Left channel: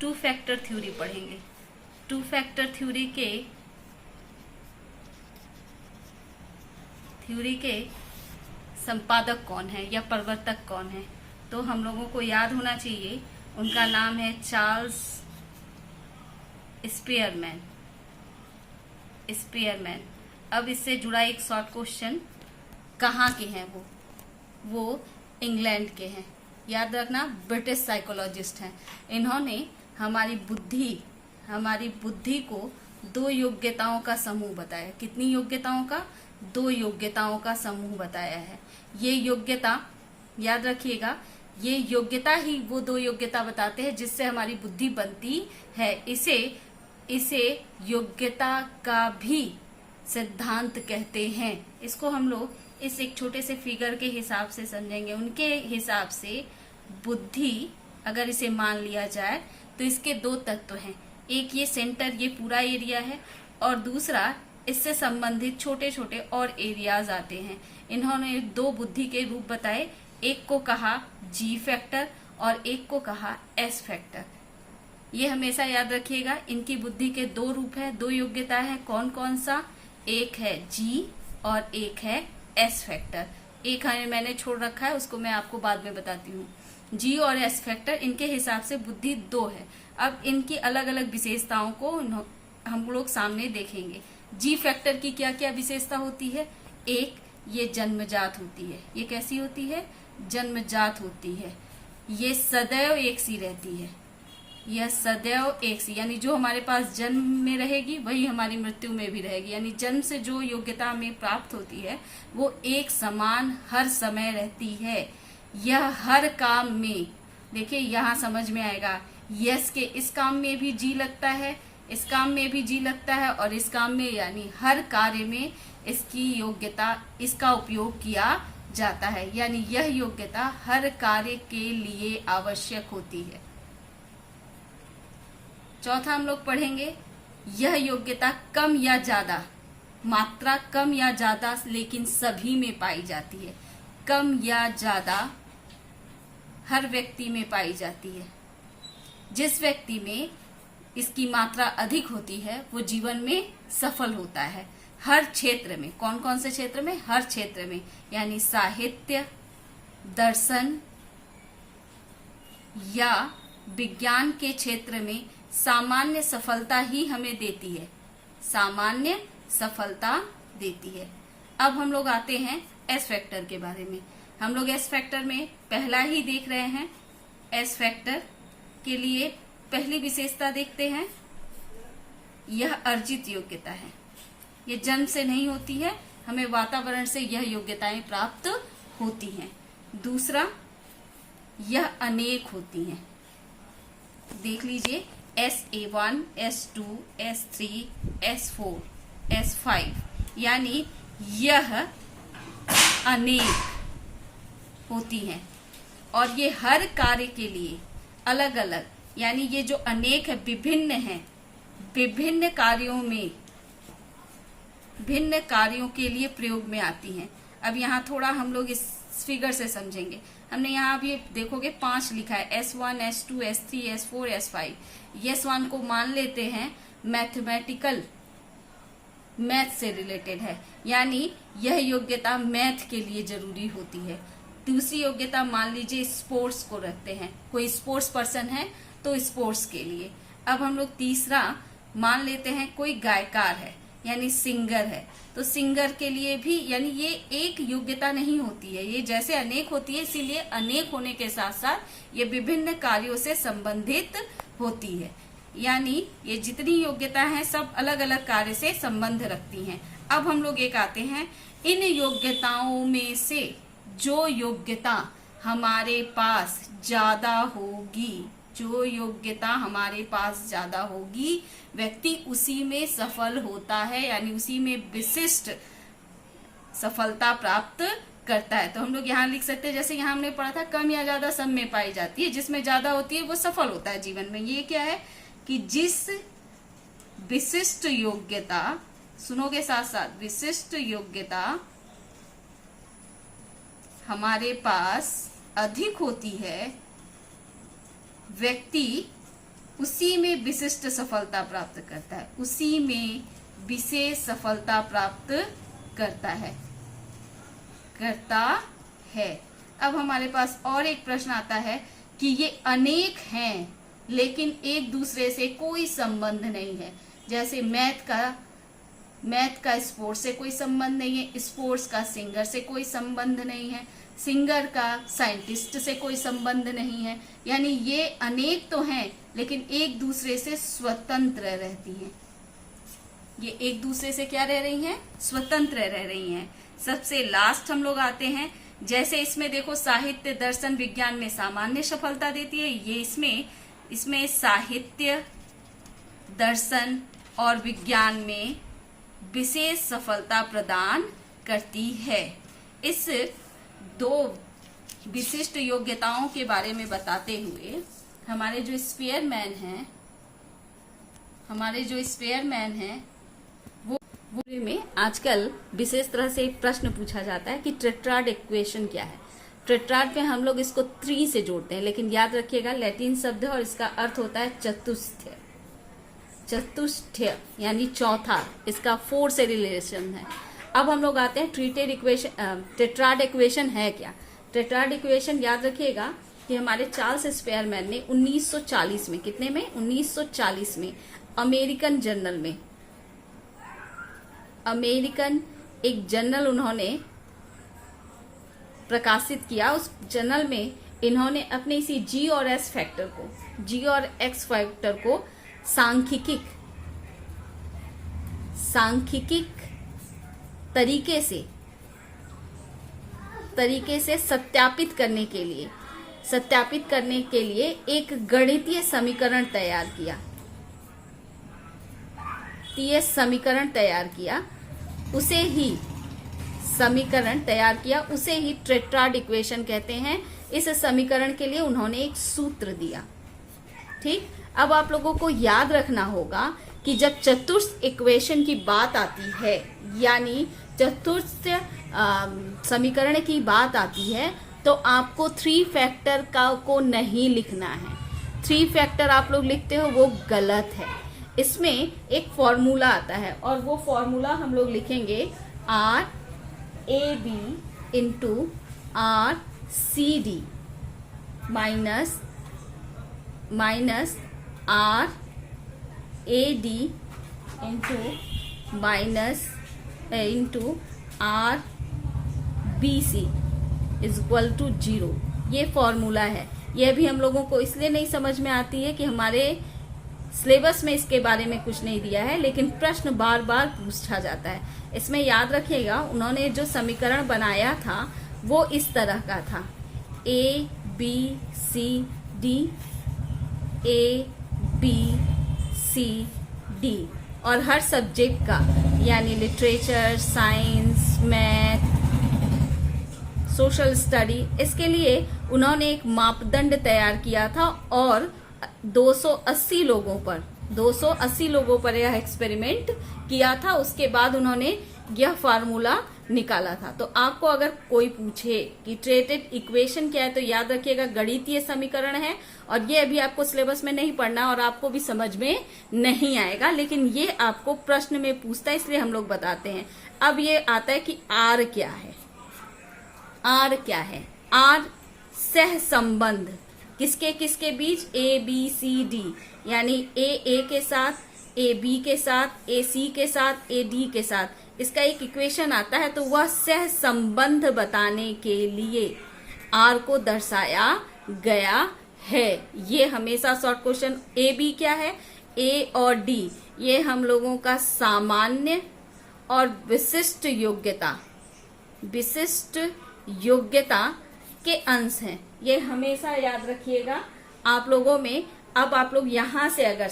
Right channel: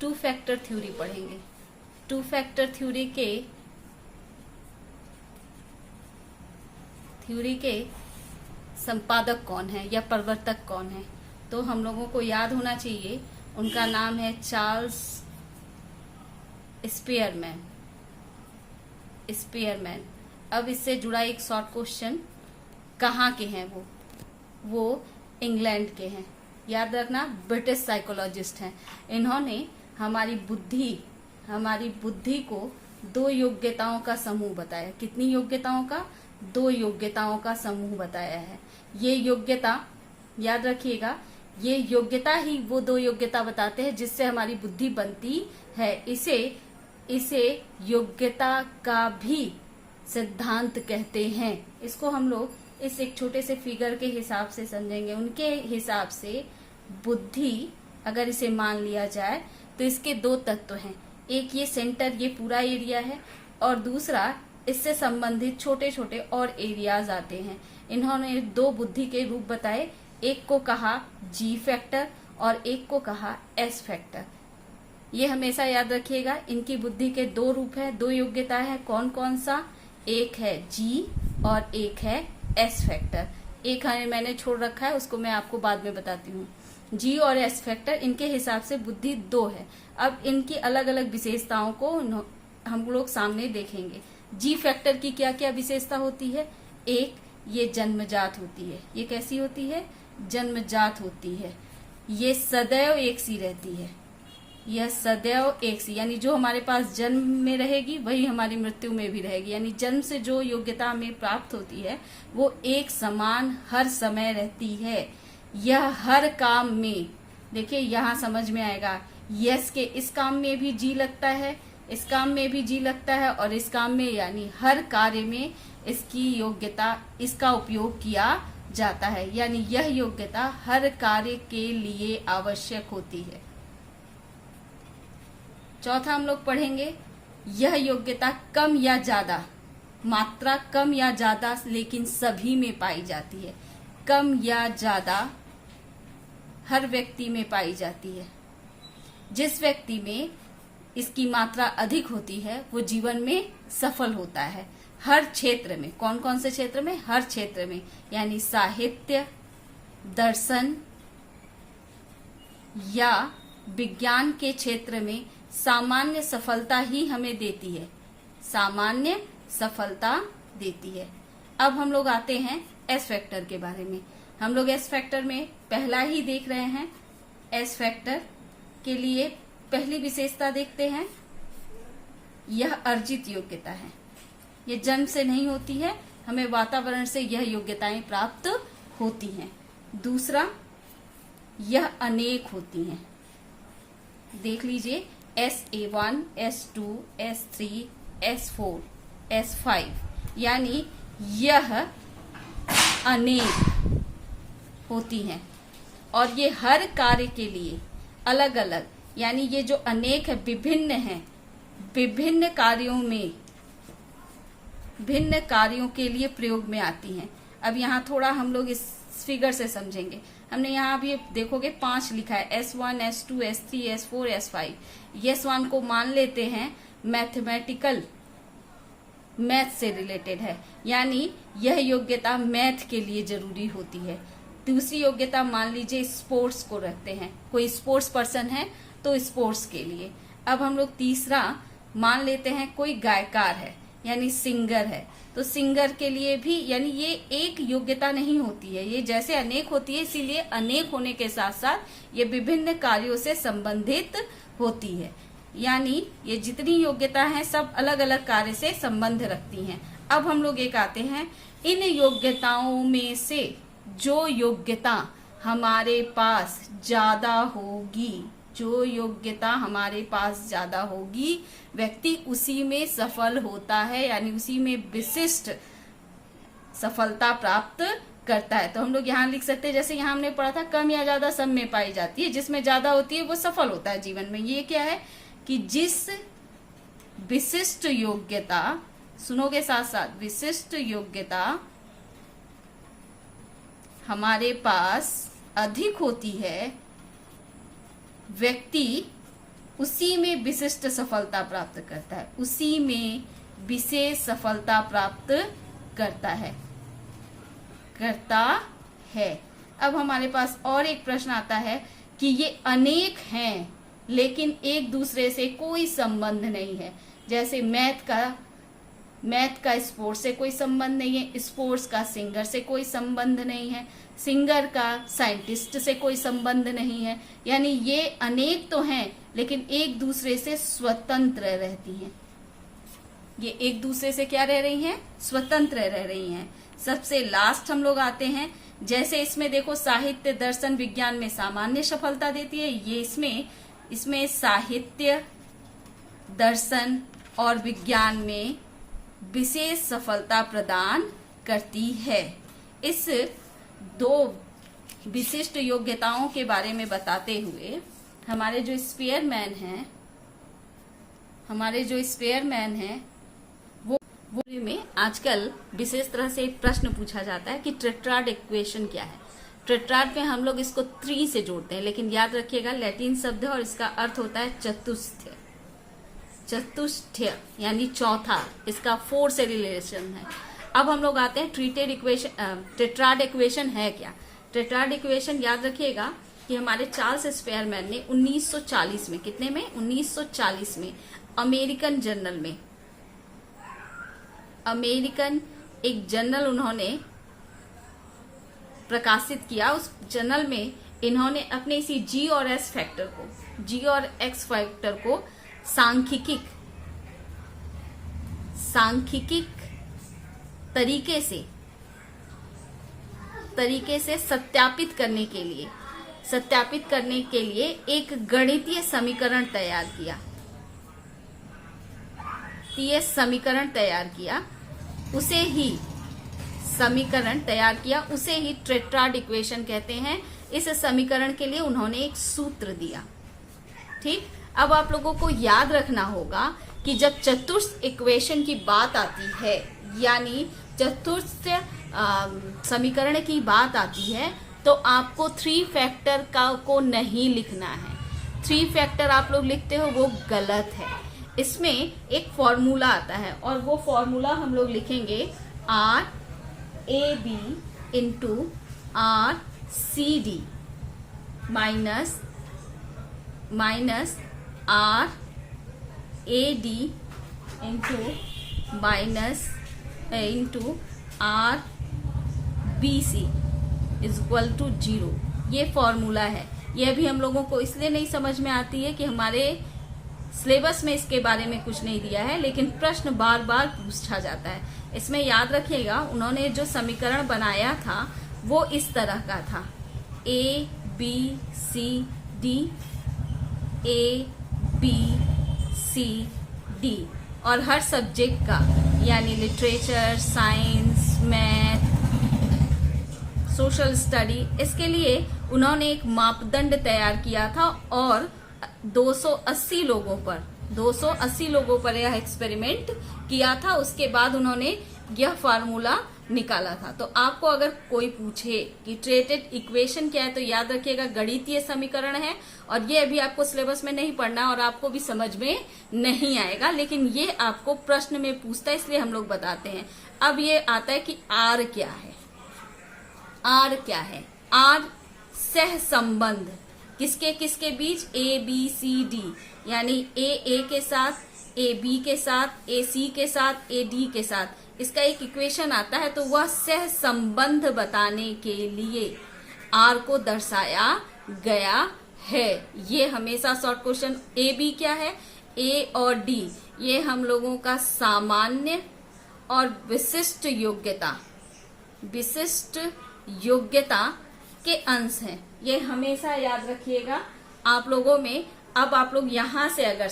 Two factor theory पढ़ेंगे। Two factor theory के संपादक कौन है या प्रवर्तक कौन है, तो हम लोगों को याद होना चाहिए, उनका नाम है चार्ल्स स्पीयरमैन। अब इससे जुड़ा एक शॉर्ट क्वेश्चन, कहाँ के हैं वो इंग्लैंड के हैं। याद रखना, ब्रिटिश साइकोलॉजिस्ट हैं। इन्होंने हमारी बुद्धि को 2 योग्यताओं का समूह बताया। कितनी योग्यताओं का? 2 योग्यताओं का समूह बताया है। ये योग्यता याद रखिएगा, ये योग्यता ही वो 2 योग्यता बताते हैं जिससे हमारी बुद्धि बनती है। इसे योग्यता का भी सिद्धांत कहते हैं। इसको हम लोग इस एक छोटे से फिगर के हिसाब से समझेंगे। उनके हिसाब से बुद्धि अगर इसे मान लिया जाए तो इसके 2 तत्व हैं। एक ये सेंटर, ये पूरा एरिया है, और दूसरा इससे संबंधित छोटे छोटे और एरियाज आते हैं। इन्होंने 2 बुद्धि के रूप बताए, एक को कहा जी फैक्टर और एक को कहा एस फैक्टर। ये हमेशा याद रखिएगा, इनकी बुद्धि के 2 रूप है, 2 योग्यता है। कौन कौन सा? एक है जी और एक है एस फैक्टर। एक मैंने छोड़ रखा है, उसको मैं आपको बाद में बताती हूँ। जी और एस फैक्टर, इनके हिसाब से बुद्धि 2 है। अब इनकी अलग अलग विशेषताओं को हम लोग सामने देखेंगे। जी फैक्टर की क्या क्या विशेषता होती है? एक, ये जन्मजात होती है। ये कैसी होती है? जन्मजात होती है। ये सदैव एक सी रहती है। यह सदैव एक सी, यानी जो हमारे पास जन्म में रहेगी वही हमारी मृत्यु में भी रहेगी। यानी जन्म से जो योग्यता हमें प्राप्त होती है वो एक समान हर समय रहती है। यह हर काम में, देखिए यहाँ समझ में आएगा, यस के इस काम में भी जी लगता है, इस काम में भी जी लगता है, और इस काम में, यानी हर कार्य में इसकी योग्यता, इसका उपयोग किया जाता है। यानी यह योग्यता हर कार्य के लिए आवश्यक होती है। चौथा हम लोग पढ़ेंगे, यह योग्यता कम या ज्यादा, मात्रा कम या ज्यादा लेकिन सभी में पाई जाती है। कम या ज्यादा हर व्यक्ति में पाई जाती है। जिस व्यक्ति में इसकी मात्रा अधिक होती है वो जीवन में सफल होता है। हर क्षेत्र में, कौन कौन से क्षेत्र में? हर क्षेत्र में, यानी साहित्य, दर्शन या विज्ञान के क्षेत्र में सामान्य सफलता ही हमें देती है। सामान्य सफलता देती है। अब हम लोग आते हैं एस फैक्टर के बारे में। हम लोग एस फैक्टर में पहला ही देख रहे हैं। एस फैक्टर के लिए पहली विशेषता देखते हैं, यह अर्जित योग्यता है। ये जन्म से नहीं होती है, हमें वातावरण से यह योग्यताएं प्राप्त होती हैं। दूसरा, यह अनेक होती हैं। देख लीजिए, SA1, S2, S3, S4, S5, यानी यह अनेक होती हैं और ये हर कार्य के लिए अलग अलग, यानी ये जो अनेक है विभिन्न है, विभिन्न कार्यों के लिए प्रयोग में आती हैं। अब यहाँ थोड़ा हम लोग इस फिगर से समझेंगे। हमने यहाँ भी देखोगे 5 लिखा है, S1, S2, S3, S4, S5। S1 को मान लेते हैं मैथमेटिकल, मैथ से रिलेटेड है, यानी यह योग्यता मैथ के लिए जरूरी होती है। दूसरी योग्यता मान लीजिए स्पोर्ट्स को रखते हैं, कोई स्पोर्ट्स पर्सन है तो स्पोर्ट्स के लिए। अब हम लोग तीसरा मान लेते हैं कोई गायकार है यानी सिंगर है, तो सिंगर के लिए भी, यानी ये एक योग्यता नहीं होती है, ये जैसे अनेक होती है, इसीलिए अनेक होने के साथ साथ ये विभिन्न कार्यों से संबंधित होती है। यानी ये जितनी योग्यता है सब अलग अलग कार्य से संबंध रखती हैं। अब हम लोग एक आते हैं, इन योग्यताओं में से जो योग्यता हमारे पास ज्यादा होगी, जो योग्यता हमारे पास ज्यादा होगी, व्यक्ति उसी में सफल होता है, यानी उसी में विशिष्ट सफलता प्राप्त करता है। तो हम लोग यहाँ लिख सकते हैं, जैसे यहाँ हमने पढ़ा था कम या ज्यादा सब में पाई जाती है, जिसमें ज्यादा होती है वो सफल होता है जीवन में। ये क्या है कि जिस विशिष्ट योग्यता, सुनोगे साथ साथ, विशिष्ट योग्यता हमारे पास अधिक होती है, व्यक्ति उसी में विशिष्ट सफलता प्राप्त करता है, उसी में विशेष सफलता प्राप्त करता है। अब हमारे पास और एक प्रश्न आता है कि ये अनेक हैं लेकिन एक दूसरे से कोई संबंध नहीं है। जैसे मैथ का स्पोर्ट्स से कोई संबंध नहीं है, स्पोर्ट्स का सिंगर से कोई संबंध नहीं है, सिंगर का साइंटिस्ट से कोई संबंध नहीं है। यानी ये अनेक तो हैं लेकिन एक दूसरे से स्वतंत्र रहती हैं। ये एक दूसरे से क्या रह रही हैं? स्वतंत्र रह रही हैं। सबसे लास्ट हम लोग आते हैं, जैसे इसमें देखो साहित्य, दर्शन, विज्ञान में सामान्य सफलता देती है, ये इसमें साहित्य, दर्शन और विज्ञान में विशेष सफलता प्रदान करती है। इस दो विशिष्ट योग्यताओं के बारे में बताते हुए हमारे जो स्पेयरमैन हैं वो में आजकल विशेष तरह से एक प्रश्न पूछा जाता है कि टेट्राड इक्वेशन क्या है। टेट्राड में हम लोग इसको 3 से जोड़ते हैं, लेकिन याद रखिएगा लैटिन शब्द है और इसका अर्थ होता है चतुष्टय यानी चौथा। इसका 4 से रिलेशन है। अब हम लोग आते हैं टेट्राड इक्वेशन है क्या। टेट्राड इक्वेशन याद रखिएगा कि हमारे चार्ल्स स्पेयरमैन ने 1940 में, कितने में? 1940 में अमेरिकन एक जर्नल उन्होंने प्रकाशित किया। उस जर्नल में इन्होंने अपने इसी जी और एक्स फैक्टर को सांख्यिकी तरीके से सत्यापित करने के लिए एक गणितीय समीकरण तैयार किया। उसे ही टेट्राड इक्वेशन कहते हैं। इस समीकरण के लिए उन्होंने एक सूत्र दिया। ठीक, अब आप लोगों को याद रखना होगा कि जब चतुर्थ इक्वेशन की बात आती है, यानी चतुर्थ समीकरण की बात आती है, तो आपको 3 फैक्टर को नहीं लिखना है। 3 फैक्टर आप लोग लिखते हो वो गलत है। इसमें एक फॉर्मूला आता है और वो फॉर्मूला हम लोग लिखेंगे RAB into RCD minus RAD into RBC is equal to 0। ये फॉर्मूला है। ये भी हम लोगों को इसलिए नहीं समझ में आती है कि हमारे सिलेबस में इसके बारे में कुछ नहीं दिया है, लेकिन प्रश्न बार बार पूछा जाता है। इसमें याद रखिएगा उन्होंने जो समीकरण बनाया था वो इस तरह का था, ABCD और हर सब्जेक्ट का, यानी literature, science, math, social study, इसके लिए उन्होंने एक मापदंड तैयार किया था और 280 लोगों पर यह एक्सपेरिमेंट किया था। उसके बाद उन्होंने यह फार्मूला निकाला था। तो आपको अगर कोई पूछे कि टेट्राड इक्वेशन क्या है, तो याद रखिएगा गणितीय समीकरण है और ये अभी आपको सिलेबस में नहीं पढ़ना और आपको भी समझ में नहीं आएगा, लेकिन ये आपको प्रश्न में पूछता है, इसलिए हम लोग बताते हैं। अब ये आता है कि आर क्या है। आर सह संबंध किसके किसके बीच? ABCD, यानी A के साथ, AB के साथ, AC के साथ, AD के साथ, इसका एक इक्वेशन आता है। तो वह सह संबंध बताने के लिए R को दर्शाया गया है। ये हमेशा शॉर्ट क्वेश्चन। AB क्या है? A और D ये हम लोगों का सामान्य और विशिष्ट योग्यता के अंश हैं। ये हमेशा याद रखिएगा आप लोगों में। अब आप लोग यहां से अगर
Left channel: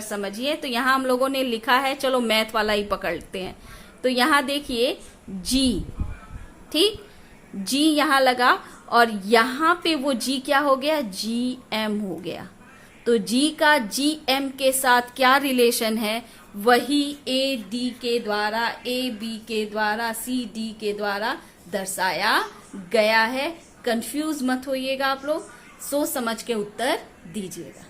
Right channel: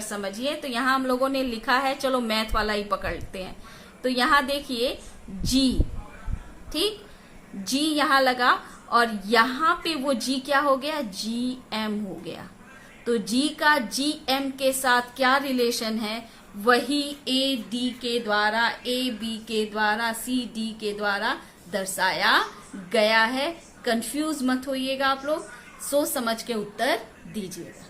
समझिए तो यहां हम लोगों ने लिखा है, चलो मैथ वाला ही पकड़ते हैं। तो यहां देखिए G, ठीक, G यहां लगा और यहां पे वो G क्या हो गया? GM हो गया। तो G का GM के साथ क्या रिलेशन है? वही AD के द्वारा, AB के द्वारा, CD के द्वारा दर्शाया गया है। कंफ्यूज मत होइएगा आप लोग। सोच समझ के उत्तर दीजिएगा।